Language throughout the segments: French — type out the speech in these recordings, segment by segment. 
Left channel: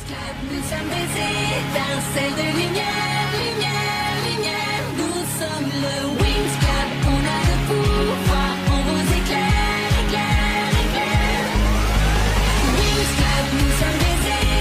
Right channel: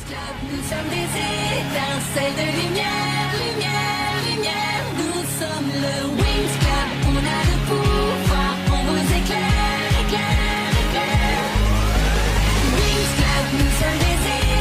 Nous sommes des étincelles de lumière, lumière, lumière. Nous sommes le Wings Club. On a le pouvoir, on vous éclaire, éclaire, éclaire. Wings Club, nous sommes des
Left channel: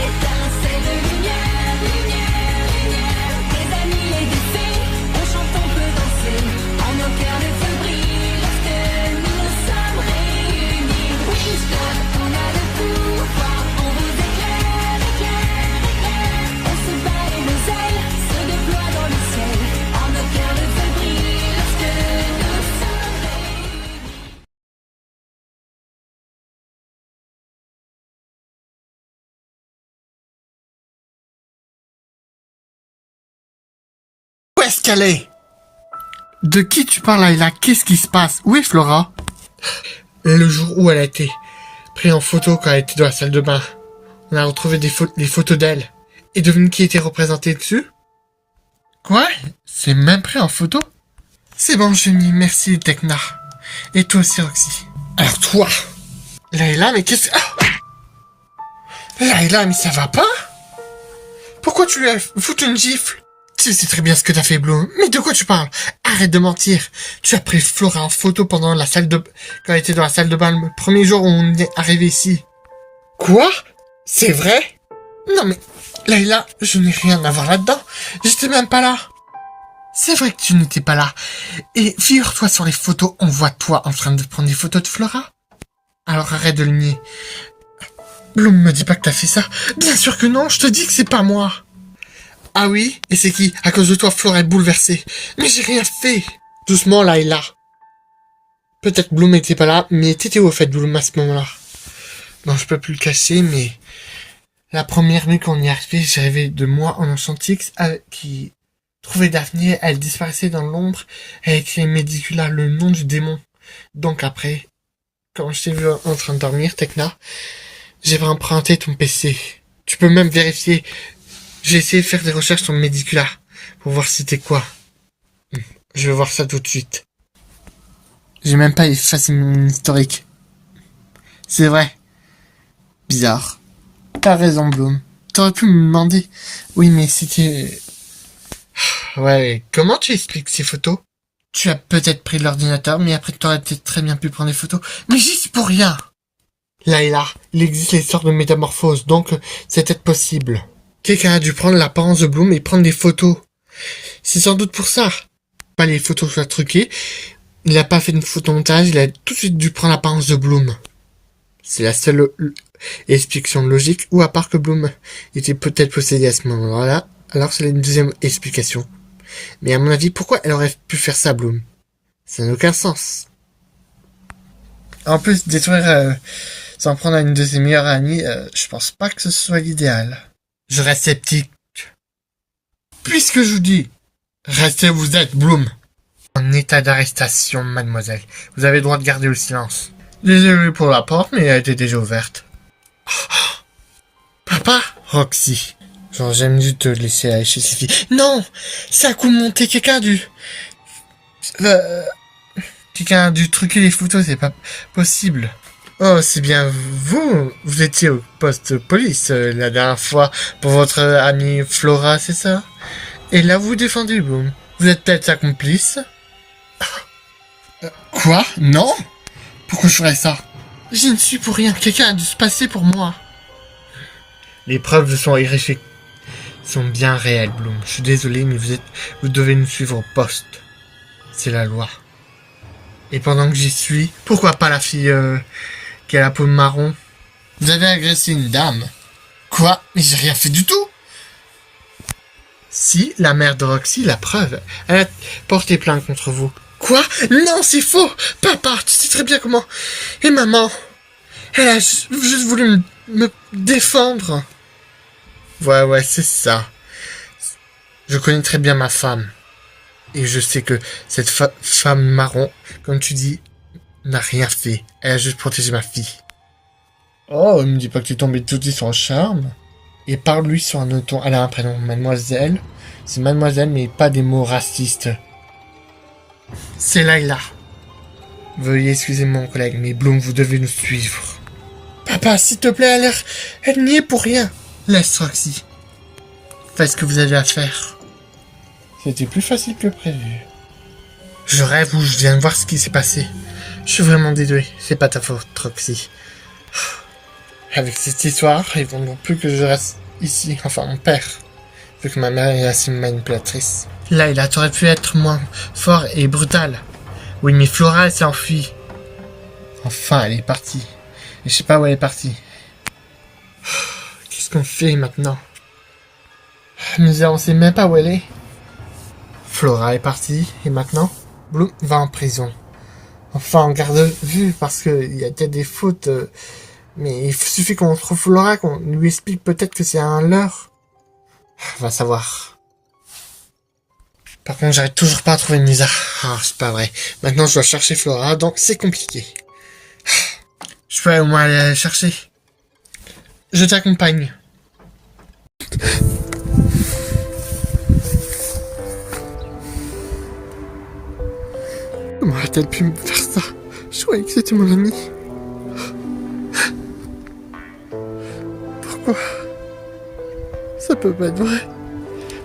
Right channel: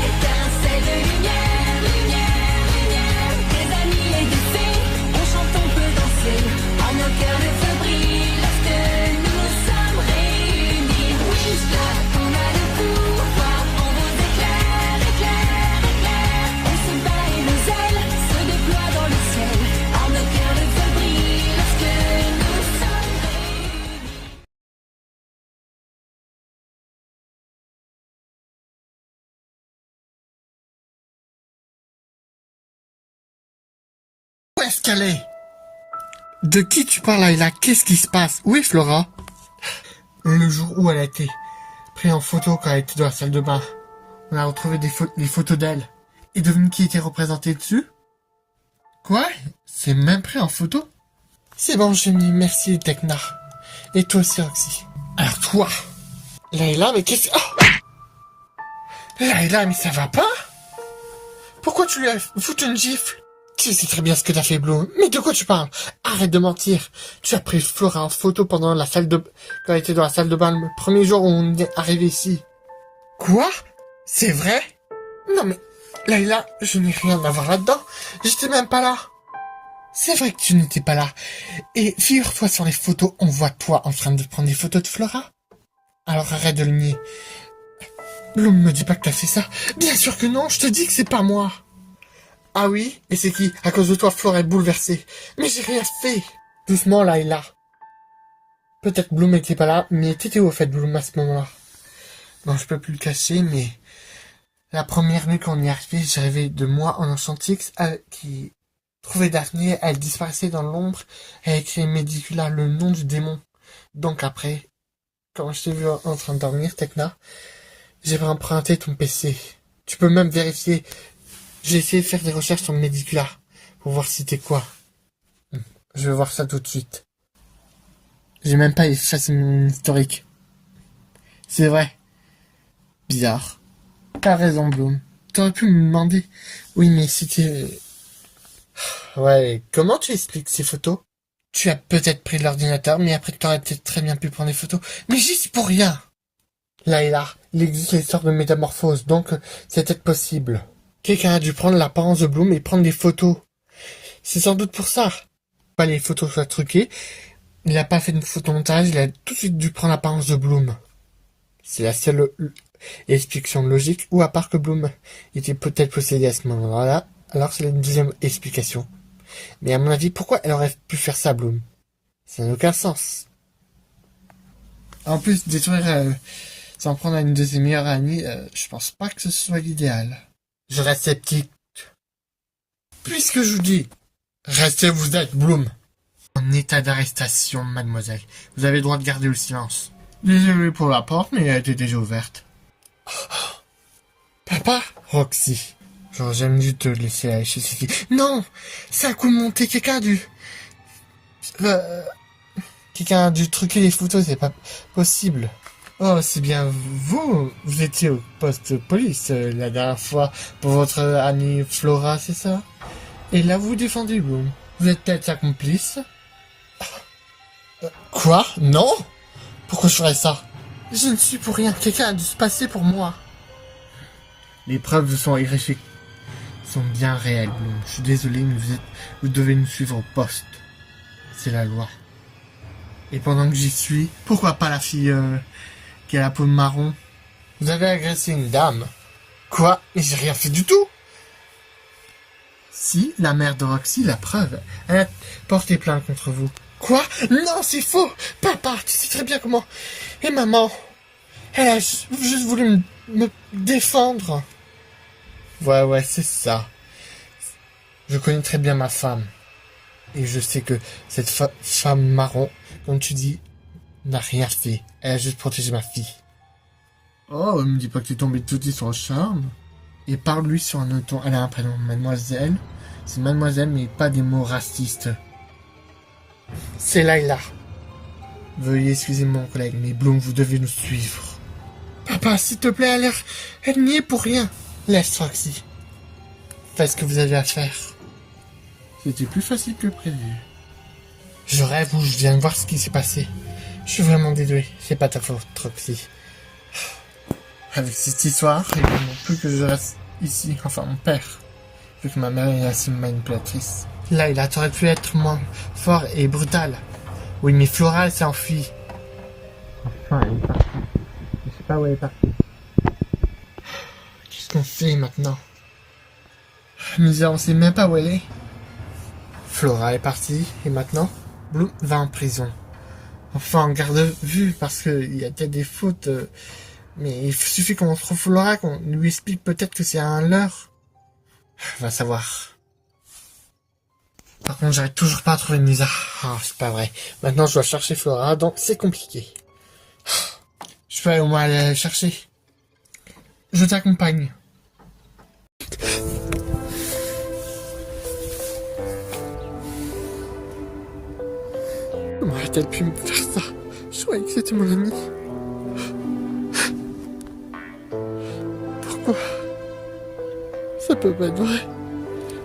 étincelles de lumière, lumière, lumière. Des amis et des fées, on chante, on peut danser. En nos cœurs le feu brille lorsque nous sommes réunis. Wings Club, on a le pouvoir, on vous éclaire, éclaire, éclaire. On se bat et nos ailes se déploient dans le ciel. En nos cœurs le feu brille lorsque nous sommes réunis. Où est-ce qu'elle est? De qui tu parles, Layla? Qu'est-ce qui se passe? Où est Flora? Le jour où elle a été prise en photo quand elle était dans la salle de bain. On a retrouvé des photos d'elle. Et devine qui était représenté dessus? Quoi? C'est même pris en photo? C'est bon, Jenny, merci, Tekna. Et toi aussi, Roxy. Alors toi, Layla, mais qu'est-ce... Ah Layla, mais ça va pas? Pourquoi tu lui as foutu une gifle? Tu sais très bien ce que t'as fait, Bloom. Mais de quoi tu parles? Arrête de mentir. Tu as pris Flora en photo pendant quand elle était dans la salle de bain le premier jour où on est arrivé ici. Quoi? C'est vrai? Non mais, Layla, je n'ai rien à voir là-dedans. J'étais même pas là. C'est vrai que tu n'étais pas là. Et figure-toi, sur les photos, on voit toi en train de prendre des photos de Flora. Alors arrête de le nier. Bloom, me dis pas que t'as fait ça. Bien sûr que non, je te dis que c'est pas moi. Ah oui? Et c'est qui? À cause de toi, Flora est bouleversée. Mais j'ai rien fait. Doucement, Layla. Peut-être Bloom n'était pas là, mais t'étais où au fait, Bloom, à ce moment-là? Bon, je peux plus le cacher, mais... La première nuit qu'on y est arrivé, j'ai rêvé de moi en Enchantix qui trouvait Daphné, elle disparaissait dans l'ombre, elle a écrit Medicula, le nom du démon. Donc après, quand je t'ai vu en train de dormir, Tekna, j'ai emprunté ton PC. Tu peux même vérifier. J'ai essayé de faire des recherches sur Medicula pour voir c'était quoi. Je vais voir ça tout de suite. J'ai même pas effacé mon historique. C'est vrai. Bizarre. T'as raison, Bloom. T'aurais pu me demander. Oui, mais c'était... Ouais, comment tu expliques ces photos? Tu as peut-être pris l'ordinateur, mais après t'aurais peut-être très bien pu prendre des photos. Mais j'y suis pour rien. Layla, il existe les sortes de métamorphoses, donc c'est peut-être possible. Quelqu'un a dû prendre l'apparence de Bloom et prendre des photos. C'est sans doute pour ça. Pas les photos soient truquées. Il n'a pas fait de photomontage, il a tout de suite dû prendre l'apparence de Bloom. C'est la seule explication logique, ou à part que Bloom était peut-être possédé à ce moment-là, alors c'est une deuxième explication. Mais à mon avis, pourquoi elle aurait pu faire ça, Bloom? Ça n'a aucun sens. En plus, détruire s'en prendre à une de ses meilleures amies, je pense pas que ce soit l'idéal. Je reste sceptique. Puisque je vous dis, restez où vous êtes, Bloom. En état d'arrestation, mademoiselle. Vous avez le droit de garder le silence. Désolé pour la porte, mais elle était déjà ouverte. Oh, papa? Roxy. Genre, j'aime dû te laisser aller chez ces filles. Non! Ça a coup monté, quelqu'un a dû... Quelqu'un a dû truquer les photos, c'est pas possible. Oh, c'est bien vous étiez au poste de police la dernière fois pour votre amie Flora, c'est ça? Et là, vous défendez, Bloom. Vous êtes peut-être sa complice? Quoi? Non? Pourquoi je ferais ça? Je ne suis pour rien. Quelqu'un a dû se passer pour moi. Les preuves sont bien réelles, Bloom. Je suis désolé, mais vous devez nous suivre au poste. C'est la loi. Et pendant que j'y suis, pourquoi pas la fille qui a la peau marron? Vous avez agressé une dame. Quoi? Mais j'ai rien fait du tout. Si, la mère de Roxy, la preuve. Elle a porté plainte contre vous. Quoi? Non, c'est faux. Papa, tu sais très bien comment. Et maman, elle a juste voulu me défendre. Ouais, c'est ça. Je connais très bien ma femme. Et je sais que cette femme marron, comme tu dis, n'a rien fait. Elle a juste protégé ma fille. Oh, me dis pas que tu es tombé tout de suite sur le charme. Et parle-lui sur un autre ton. Elle a un prénom, mademoiselle. C'est mademoiselle, mais pas des mots racistes. C'est Layla. Veuillez excuser mon collègue, mais Bloom, vous devez nous suivre. Papa, s'il te plaît, elle n'y est pour rien. Laisse Roxy. Faites ce que vous avez à faire. C'était plus facile que prévu. Je rêve ou je viens de voir ce qui s'est passé. Je suis vraiment désolé. C'est pas ta faute, Roxy. Avec cette histoire, il ne faut plus que je reste ici. Enfin, mon père. Vu que ma mère est assez manipulatrice. Layla, t'aurais pu être moins fort et brutal. Oui, mais Flora, elle s'est enfuie. Enfin, elle est partie. Et je sais pas où elle est partie. Qu'est-ce qu'on fait maintenant? On sait même pas où elle est. Flora est partie. Et maintenant, Bloom va en prison. Enfin, en garde à vue, parce qu'il y a peut-être des fautes. Mais il suffit qu'on trouve Flora, qu'on lui explique peut-être que c'est un leurre. On va savoir. Par contre, j'arrive toujours pas à trouver Nisa. Ah, c'est pas vrai. Maintenant, je dois chercher Flora, donc c'est compliqué. Je peux au moins aller la chercher. Je t'accompagne. Comment a-t-elle pu me faire ça? Je croyais que c'était mon ami. Pourquoi? Ça peut pas être vrai.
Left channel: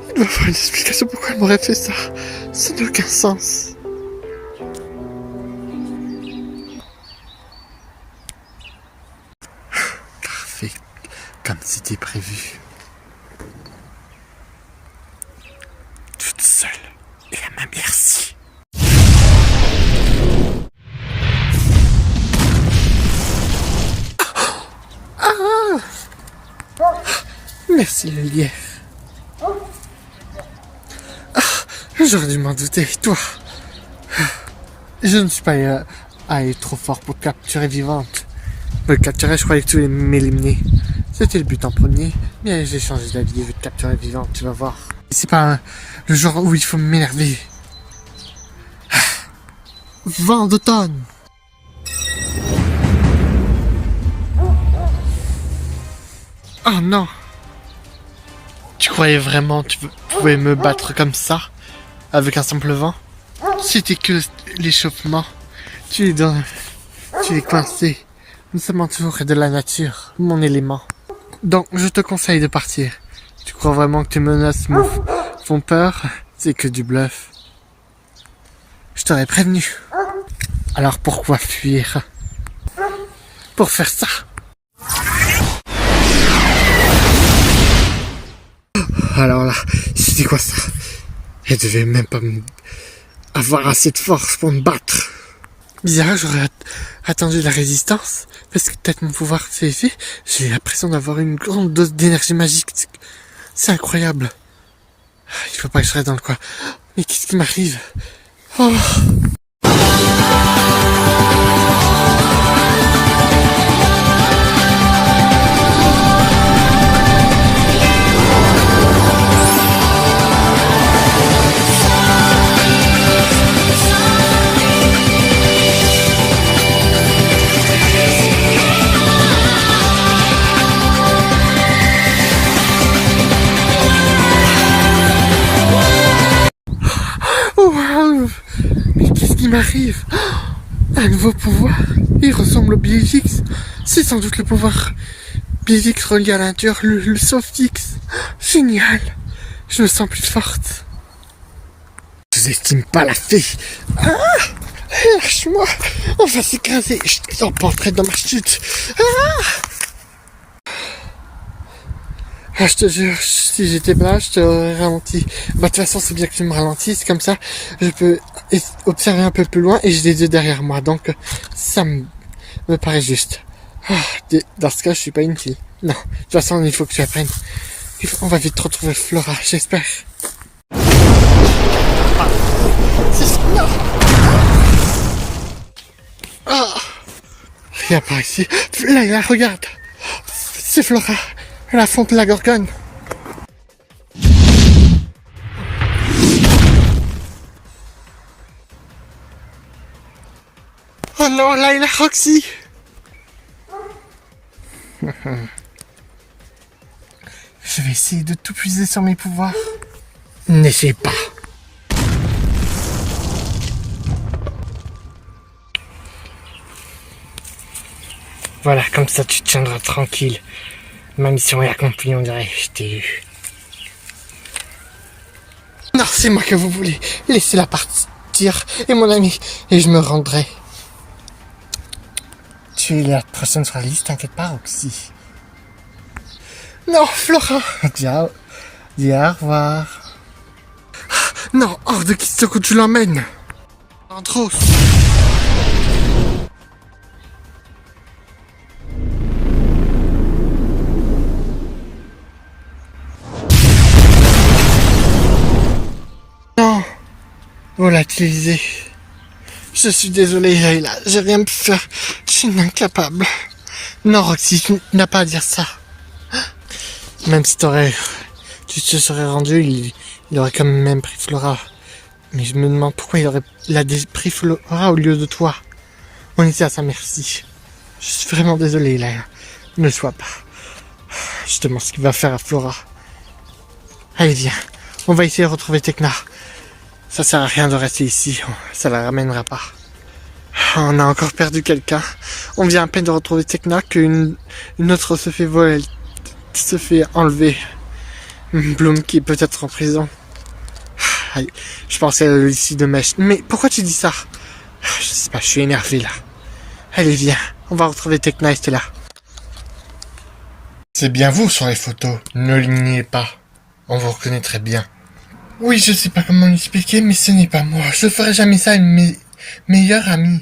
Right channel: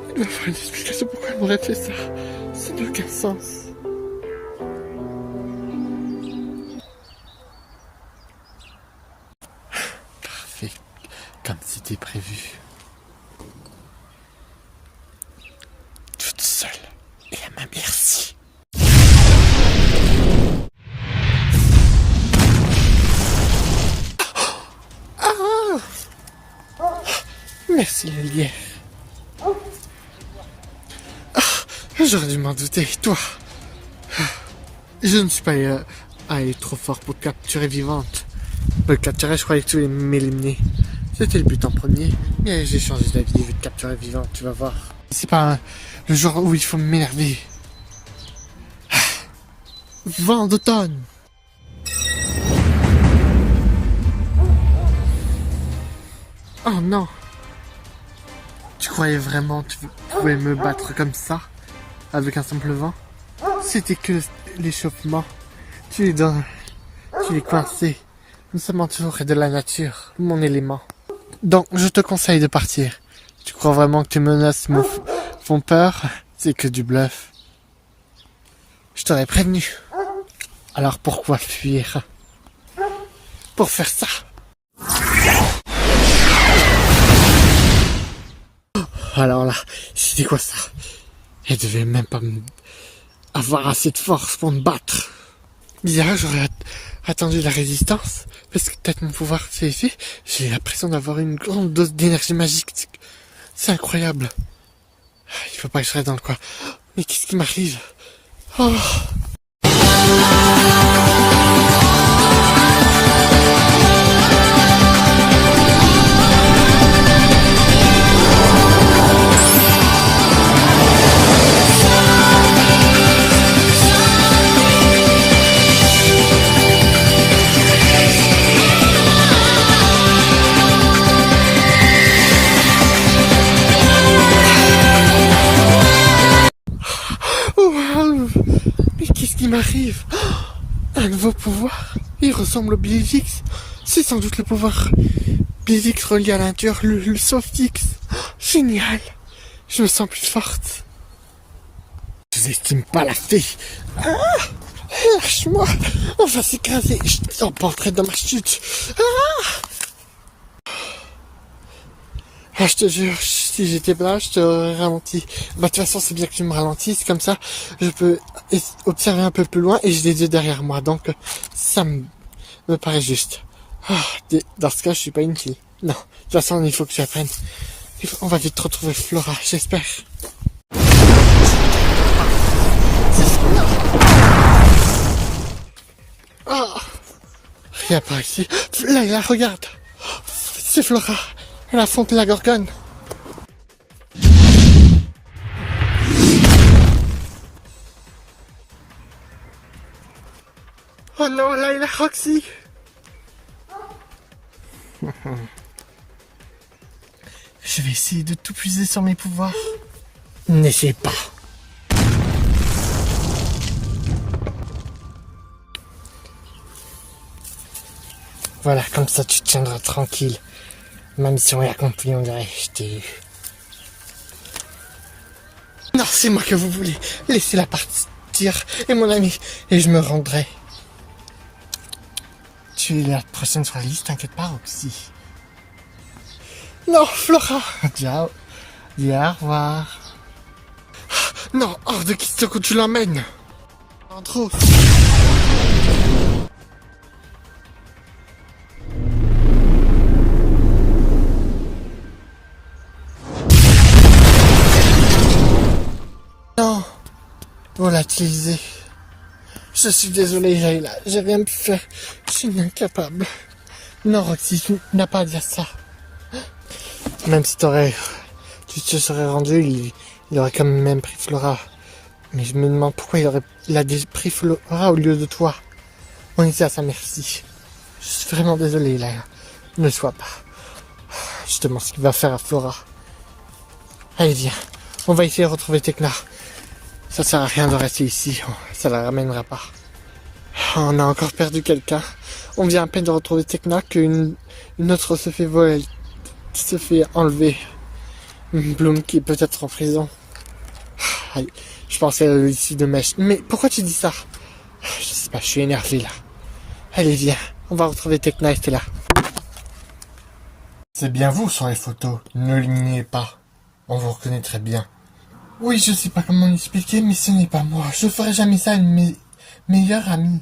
Il doit y avoir une explication pourquoi elle m'aurait fait ça. Ça n'a aucun sens. Parfait. Comme c'était prévu. Toute seule. Et à ma merci. Merci, Olivier. J'aurais dû m'en douter, toi. Je ne suis pas allé trop fort pour capturer vivante. Pour le capturer, je croyais que tu voulais m'éliminer. C'était le but en premier, mais j'ai changé d'avis et je vais te capturer vivante, tu vas voir. C'est pas le genre où il faut m'énerver. Vent d'automne. Oh non. Tu croyais vraiment que tu pouvais me battre comme ça? Avec un simple vent? C'était que l'échauffement. Tu es coincé. Nous sommes entourés de la nature, mon élément. Donc, je te conseille de partir. Tu crois vraiment que tes menaces me font peur? C'est que du bluff. Je t'aurais prévenu. Alors pourquoi fuir? Pour faire ça. Alors là, c'était quoi ça? Elle devait même pas avoir assez de force pour me battre. Bizarre, j'aurais attendu la résistance. Parce que peut-être mon pouvoir s'est fait. J'ai l'impression d'avoir une grande dose d'énergie magique. C'est incroyable. Il faut pas que je reste dans le coin. Mais qu'est-ce qui m'arrive? Oh. Mais qu'est-ce qui m'arrive? Un nouveau pouvoir. Il ressemble au Bielix. C'est sans doute le pouvoir Bielix relié à la nature, le Softix. Génial. Je me sens plus forte. Je n'estime pas la fée. Lâche-moi. On va s'écraser. Je t'emporterai dans ma chute. Je te jure, si j'étais là, je t'aurais ralenti. Bah, de toute façon, c'est bien que tu me ralentisses, comme ça, je peux observer un peu plus loin et j'ai les deux derrière moi, donc, ça me paraît juste. Dans ce cas, je suis pas une fille. Non, de toute façon, il faut que tu apprennes. On va vite retrouver Flora, j'espère. Rien par ici. Là, regarde. C'est Flora. La fonte de la Gorgone. Oh non, là, il a Roxy. Je vais essayer de tout puiser sur mes pouvoirs. N'essaie pas. Voilà, comme ça tu te tiendras tranquille. Ma mission est accomplie, on dirait. Je t'ai eu. Non, c'est moi que vous voulez. Laissez-la partir, et mon ami, et je me rendrai. Tu es la prochaine sur la liste, t'inquiète pas, Roxy. Non, Flora. Dis au revoir. Non, hors de question que tu l'emmènes. En trop. Non, vous l'a utilisé. Je suis désolé, Layla, j'ai rien pu faire. Je suis incapable. Non, Roxy, tu n'as pas à dire ça. Même si tu te serais rendu, il aurait quand même pris Flora. Mais je me demande pourquoi il a pris Flora au lieu de toi. On était à sa merci. Je suis vraiment désolé, Layla. Ne le sois pas. Je te demande ce qu'il va faire à Flora. Allez, viens. On va essayer de retrouver Tekna. Ça sert à rien de rester ici, ça la ramènera pas. On a encore perdu quelqu'un. On vient à peine de retrouver Tekna qu'une autre se fait voler, se fait enlever. Bloom qui est peut-être en prison. Allez, je pensais à l'homme de mèche. Mais pourquoi tu dis ça? Je sais pas, je suis énervé là. Allez, viens, on va retrouver Tekna et Stella. C'est bien vous sur les photos, ne l'ignorez pas. On vous reconnaît très bien. Oui, je sais pas comment l'expliquer, mais ce n'est pas moi. Je ferai jamais ça à mes meilleurs amis.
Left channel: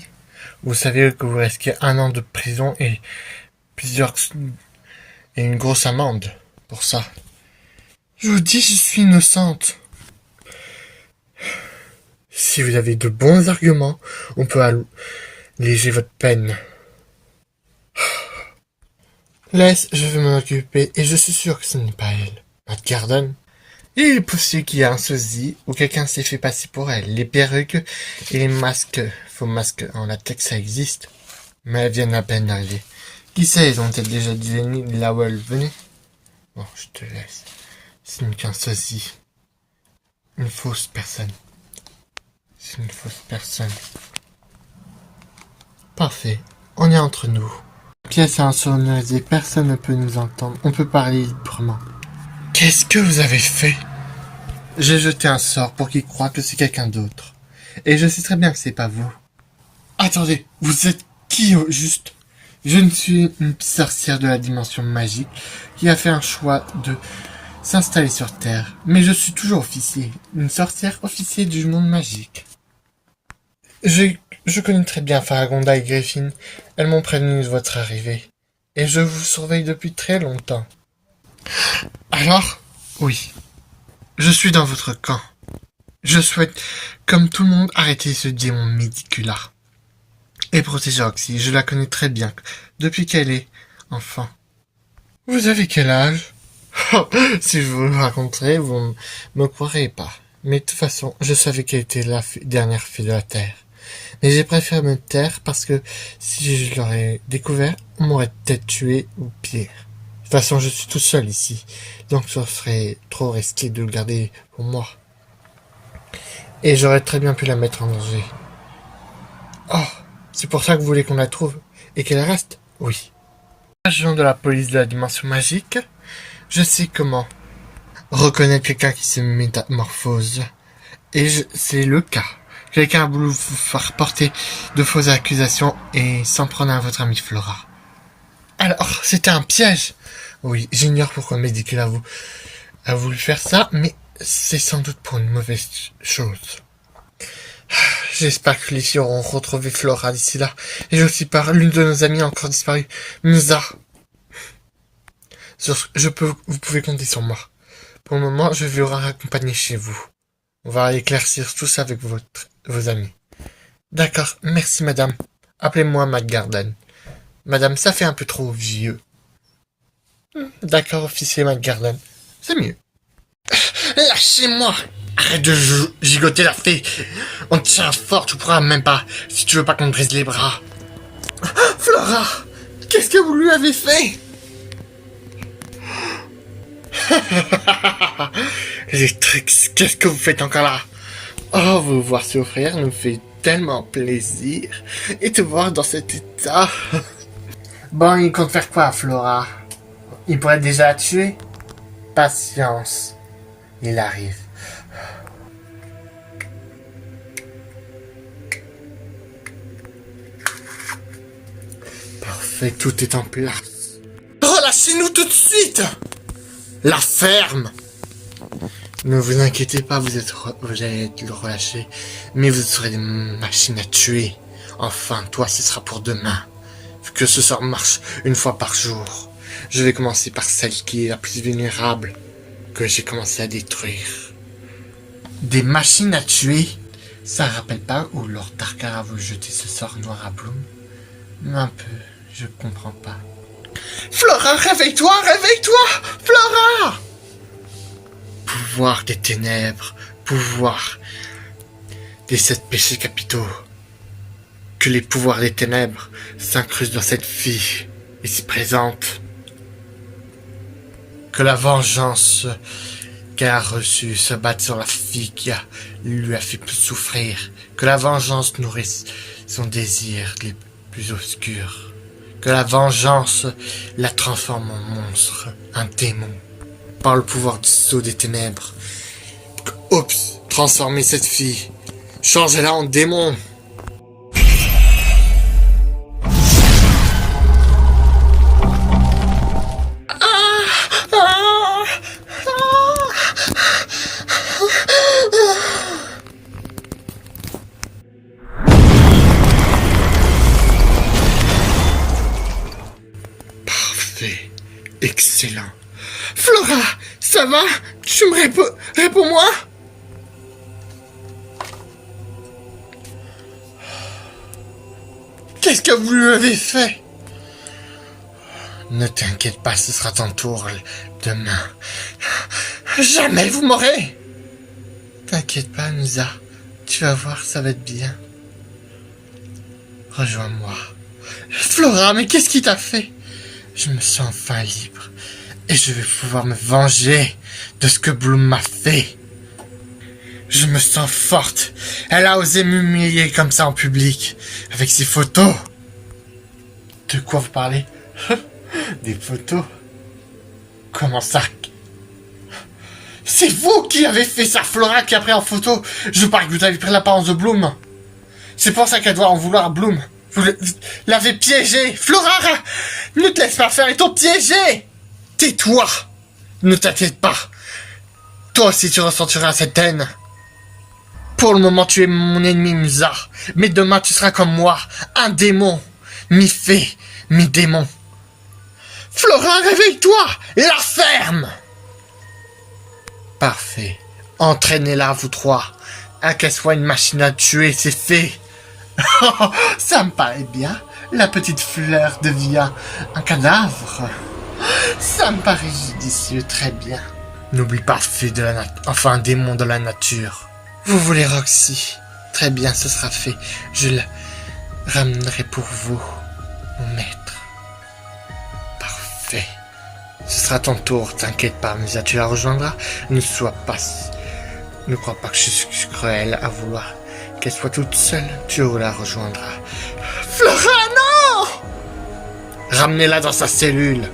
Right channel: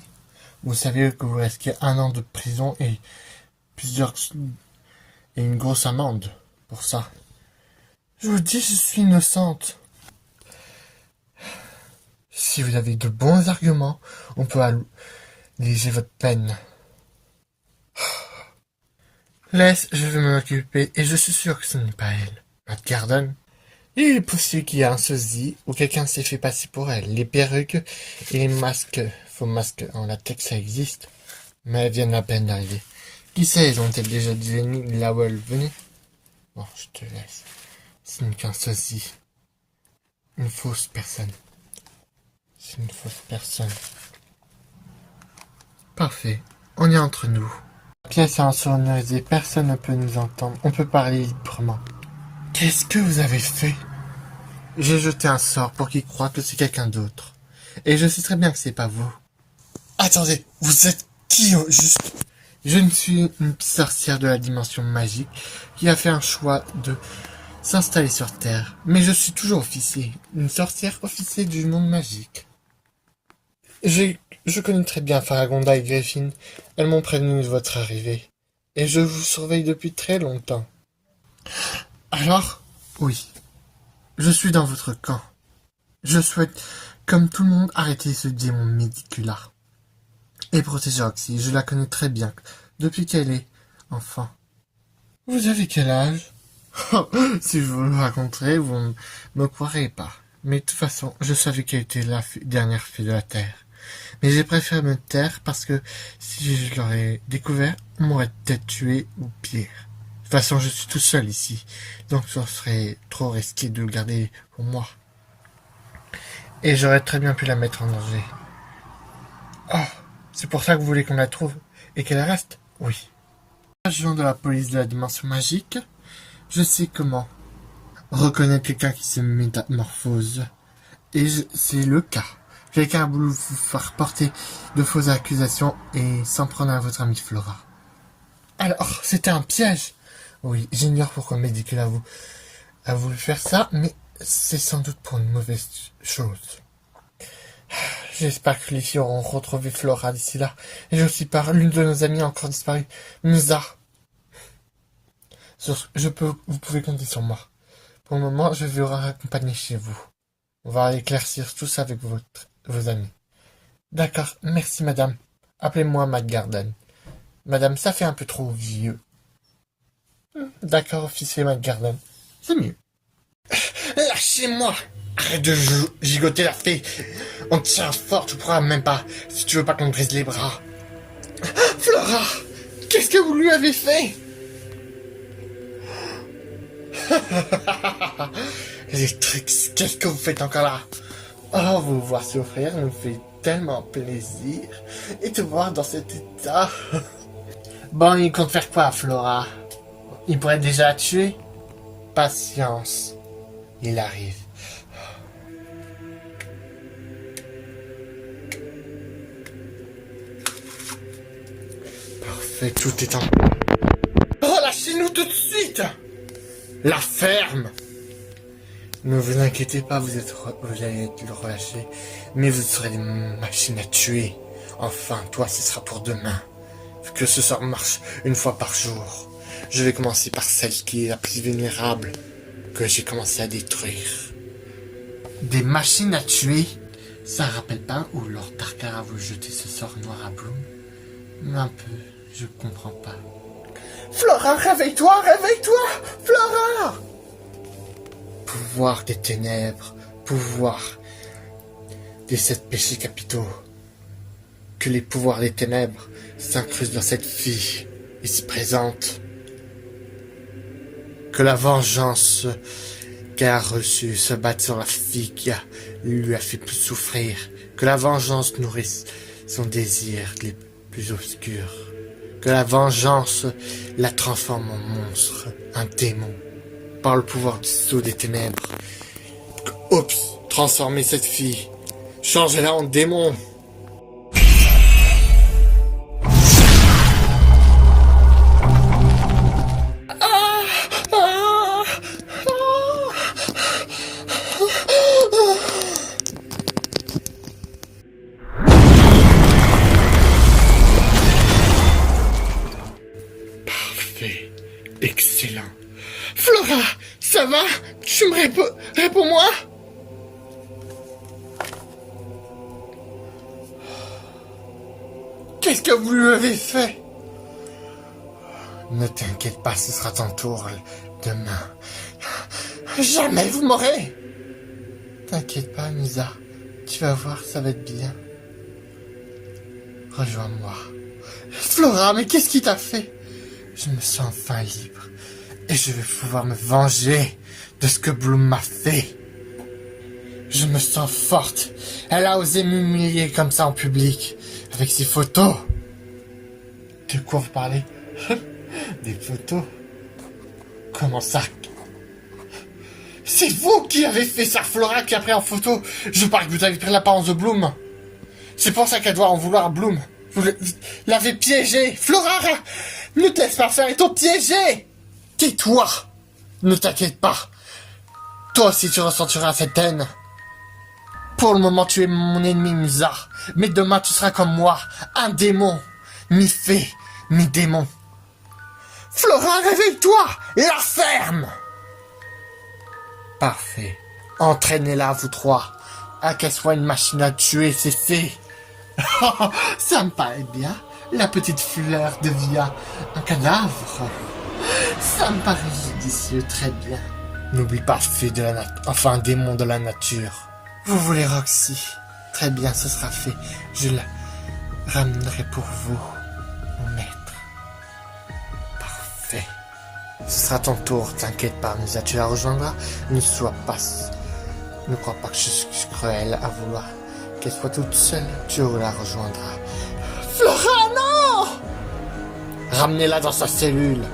Vous savez que vous risquez 1 an de prison et une grosse amende pour ça. Je vous dis, je suis innocente. Si vous avez de bons arguments, on peut alléger votre peine. Laisse, je vais m'en occuper et je suis sûr que ce n'est pas elle. Matt Garden. Il est possible qu'il y ait un sosie ou quelqu'un s'est fait passer pour elle. Les perruques et les masques, faux masques en latex, ça existe. Mais elles viennent à peine d'arriver. Qui sait, elles ont-elles déjà dit l'ennemi là où elles venaient? Bon, je te laisse. Ce n'est qu'un sosie. Une fausse personne. C'est une fausse personne. Parfait. On est entre nous. La pièce est insonorisée, personne ne peut nous entendre. On peut parler librement. Qu'est-ce que vous avez fait? J'ai jeté un sort pour qu'il croie que c'est quelqu'un d'autre. Et je sais très bien que c'est pas vous. Attendez, vous êtes qui au juste? Je ne suis une sorcière de la dimension magique qui a fait un choix de s'installer sur Terre. Mais je suis toujours officier. Une sorcière officier du monde magique. Je connais très bien Faragonda et Griffin. Elles m'ont prévenu de votre arrivée. Et je vous surveille depuis très longtemps. Alors? Oui. Je suis dans votre camp. Je souhaite, comme tout le monde, arrêter ce démon médicula. Et protéger Roxy. Je la connais très bien. Depuis qu'elle est enfant. Vous avez quel âge? Oh, si je vous le raconterais, vous ne me croirez pas. Mais de toute façon, je savais qu'elle était la dernière fille de la Terre. Mais j'ai préféré me taire parce que si je l'aurais découvert, on m'aurait peut-être tué ou pire. De toute façon, je suis tout seul ici. Donc ça serait trop risqué de le garder pour moi. Et j'aurais très bien pu la mettre en danger. Oh, c'est pour ça que vous voulez qu'on la trouve et qu'elle reste? Oui. Agent de la police de la dimension magique, je sais comment reconnaître quelqu'un qui se métamorphose. Et c'est le cas. Quelqu'un a voulu vous faire porter de fausses accusations et s'en prendre à votre amie Flora. Alors, c'était un piège. Oui, j'ignore pourquoi Medicula a voulu faire ça, mais c'est sans doute pour une mauvaise chose. J'espère que les filles auront retrouvé Flora d'ici là. Et j'ai aussi peur, l'une de nos amies a encore disparu. Musa. Vous pouvez compter sur moi. Pour le moment, je vais vous raccompagner chez vous. On va éclaircir tout ça avec vos amis. D'accord, merci madame. Appelez-moi Matt Garden. Madame, ça fait un peu trop vieux. D'accord, officier Matt Garden. C'est mieux. Lâchez-moi! Arrête de gigoter la fée! On te tient fort, tu pourras même pas, si tu veux pas qu'on te brise les bras. Flora! Qu'est-ce que vous lui avez fait? Trix, qu'est-ce que vous faites encore là? Oh, vous voir souffrir nous fait tellement plaisir. Et te voir dans cet état. Bon, il compte faire quoi, Flora? Il pourrait déjà la tuer. Patience. Il arrive. Parfait, tout est en paix. Relâchez-nous tout de suite. La ferme. Ne vous inquiétez pas, vous allez être relâché. Mais vous serez des machines à tuer. Enfin, toi, ce sera pour demain. Que ce sort marche une fois par jour. Je vais commencer par celle qui est la plus vulnérable, que j'ai commencé à détruire. Des machines à tuer? Ça rappelle pas où Lord Darkar a voulu jeter ce sort noir à Bloom? Un peu, je comprends pas. Flora, réveille-toi, réveille-toi! Flora! Pouvoir des ténèbres, pouvoir des 7 péchés capitaux. Que les pouvoirs des ténèbres s'incrustent dans cette fille ici présente. Que la vengeance qu'elle a reçue se batte sur la fille qui lui a fait souffrir. Que la vengeance nourrisse son désir les plus obscurs. Que la vengeance la transforme en monstre, un démon. Par le pouvoir du sceau des ténèbres. Oups, transformez cette fille. Changez-la en démon. Parfait. Excellent. Flora, ça va? Tu me réponds-moi? Qu'est-ce que vous lui avez fait? Ne t'inquiète pas, ce sera ton tour demain. Jamais vous m'aurez. T'inquiète pas, Misa. Tu vas voir, ça va être bien. Rejoins-moi. Flora, mais qu'est-ce qui t'a fait? Je me sens enfin libre. Et je vais pouvoir me venger de ce que Bloom m'a fait. Je me sens forte. Elle a osé m'humilier comme ça en public. Avec ses photos. De quoi vous parlez? Des photos? Comment ça? C'est vous qui avez fait ça, Flora, qui a pris en photo. Je parie que vous avez pris l'apparence de Bloom. C'est pour ça qu'elle doit en vouloir à Bloom. Vous l'avez piégé. Flora, ne te laisse pas faire, ils t'ont piégé. Tais-toi. Ne t'inquiète pas. Toi aussi tu ressentiras cette haine. Pour le moment tu es mon ennemi, Musa. Mais demain tu seras comme moi. Un démon. Mi-fée, mi-démon. Flora, réveille-toi. La ferme. Parfait. Entraînez-la, vous trois. À qu'elle soit une machine à tuer, c'est fait. Ça me paraît bien. La petite fleur devient un cadavre. Ça me paraît judicieux, très bien. N'oublie pas, fée de la enfin un démon de la nature. Vous voulez Roxy? Très bien, ce sera fait. Je la ramènerai pour vous, mon maître. Parfait. Ce sera ton tour, t'inquiète pas, Misa, tu la rejoindras. Ne crois pas que je suis cruel à vouloir qu'elle soit toute seule. Tu la rejoindras. Flora, non! Ramenez-la dans sa cellule.